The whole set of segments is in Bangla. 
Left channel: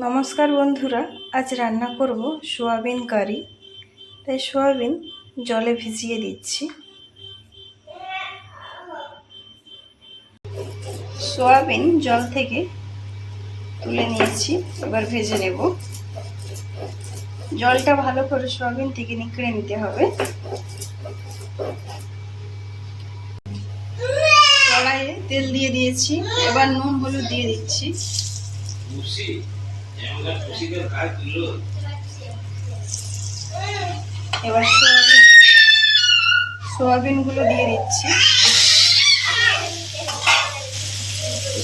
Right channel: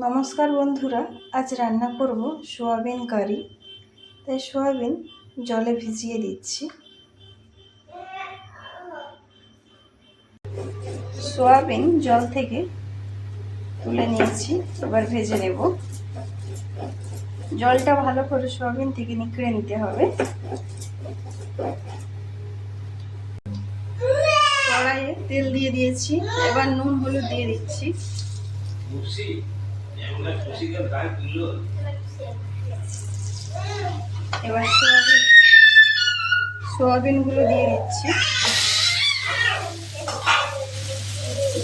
নমস্কার বন্ধুরা, আজ রান্না করব সোয়াবিন কারি। তাই সোয়াবিন জলে ভিজিয়ে দিচ্ছি। সোয়াবিন জল থেকে তুলে নিয়েছি, এবার ভেজে নেব। জলটা ভালো করে সোয়াবিন থেকে নিংড়ে নিতে হবে। কড়াইয়ে তেল দিয়ে দিয়েছি, এবার নুন হলুদ দিয়ে দিচ্ছি। এবার সোয়াবিন গুলো দিয়ে দিচ্ছি,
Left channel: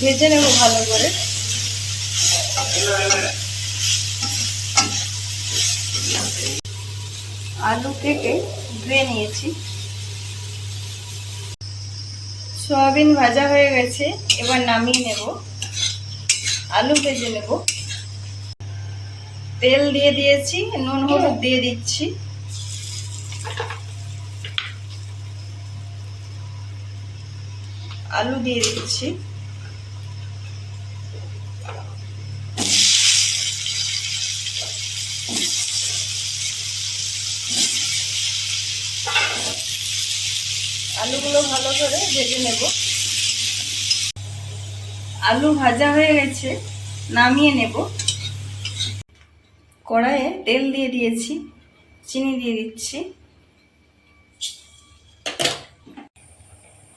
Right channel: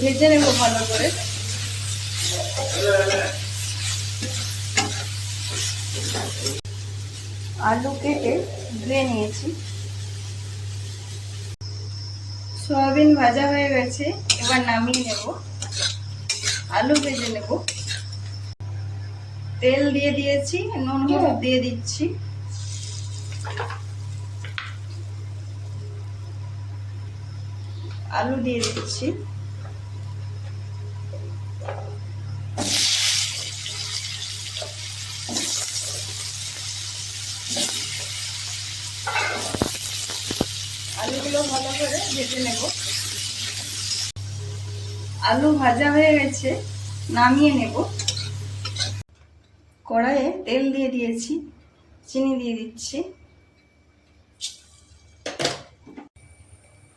ভেজে নেব ভালো করে। আলু কেটে ধুয়ে নিয়েছি। সোয়াবিন ভাজা হয়ে গেছে, এবার নামিয়ে নেব। আলু ভেজে নেব। তেল দিয়ে দিয়েছি, নুন হলুদ দিয়ে দিচ্ছি। আলু দিয়ে দিচ্ছি। আলুগুলো ভালো করে ভেজে নেব। আলু ভাজা হয়ে গেছে, নামিয়ে নেব। কড়াইয়ে তেল দিয়ে দিয়েছি, চিনি দিয়ে দিচ্ছি।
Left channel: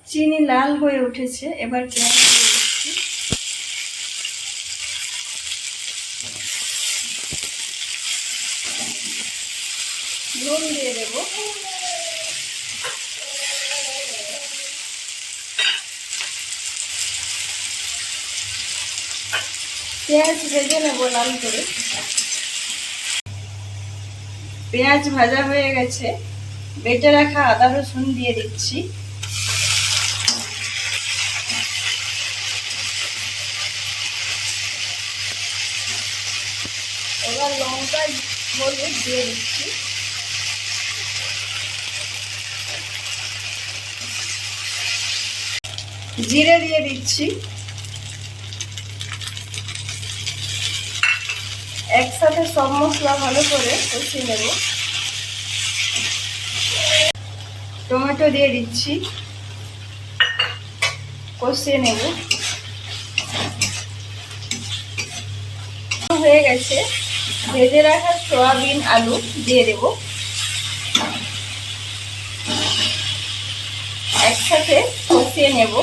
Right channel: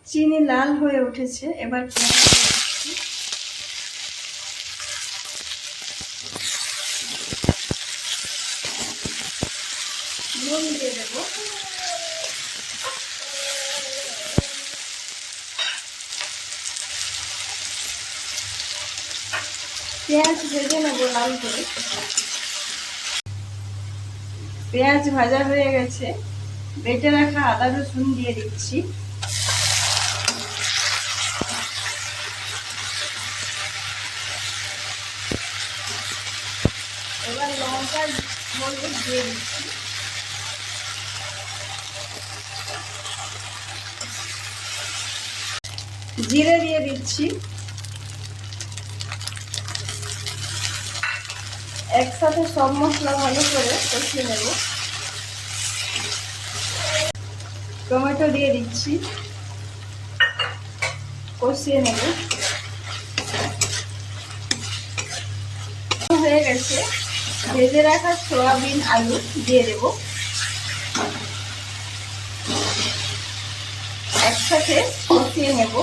চিনি লাল হয়ে উঠেছে, এবার পেঁয়াজ দিয়ে দিচ্ছি। নুন দিয়ে দেব। পেঁয়াজ ভেজে নেব লাল করে। পেঁয়াজ ভাজা হয়ে গেছে, বেটে রাখা আদা রসুন দিয়ে দিচ্ছি। এবার লঙ্কা হলুদ দিয়ে দিচ্ছি। জিরে দিয়ে দিচ্ছি। একসাথে সব মশলা ভালো করে কষিয়ে নেব। টমেটো দিয়ে দিচ্ছি, কষিয়ে নেব। হয়ে গেছে, ভেজে রাখা সয়াবিন আলু দিয়ে দেব। একসাথে কষিয়ে নেব।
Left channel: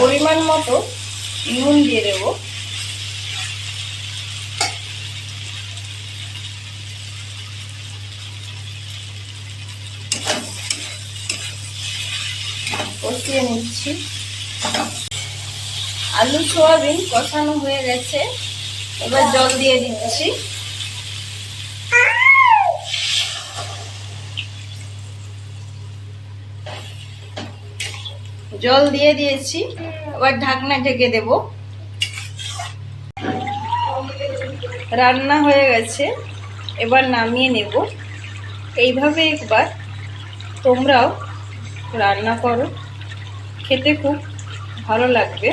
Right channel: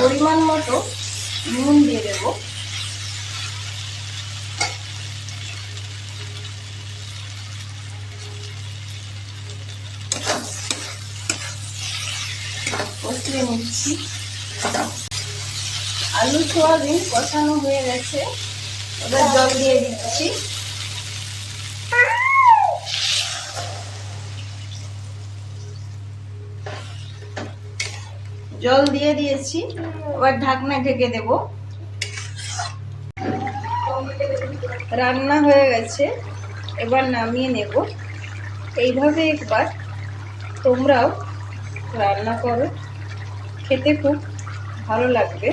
পরিমাণ মতো নুন দিয়ে দেব। কষিয়ে নিচ্ছি। আলু সোয়াবিন কষানো হয়ে গেছে, এবার জল দিয়ে দিচ্ছি। জল দিয়ে দিয়েছি, এবার ঢাকনা ঢেকে দেব। রান্না হয়ে গেছে, এবার নামিয়ে নেব। এইভাবে একবার তোমরাও রান্না করো, খেতে খুব ভালো লাগবে।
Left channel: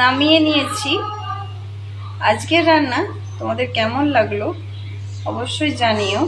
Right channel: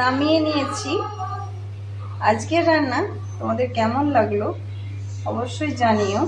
নামিয়ে নিয়েছি। আজকের রান্না তোমাদের কেমন লাগলো অবশ্যই জানিও।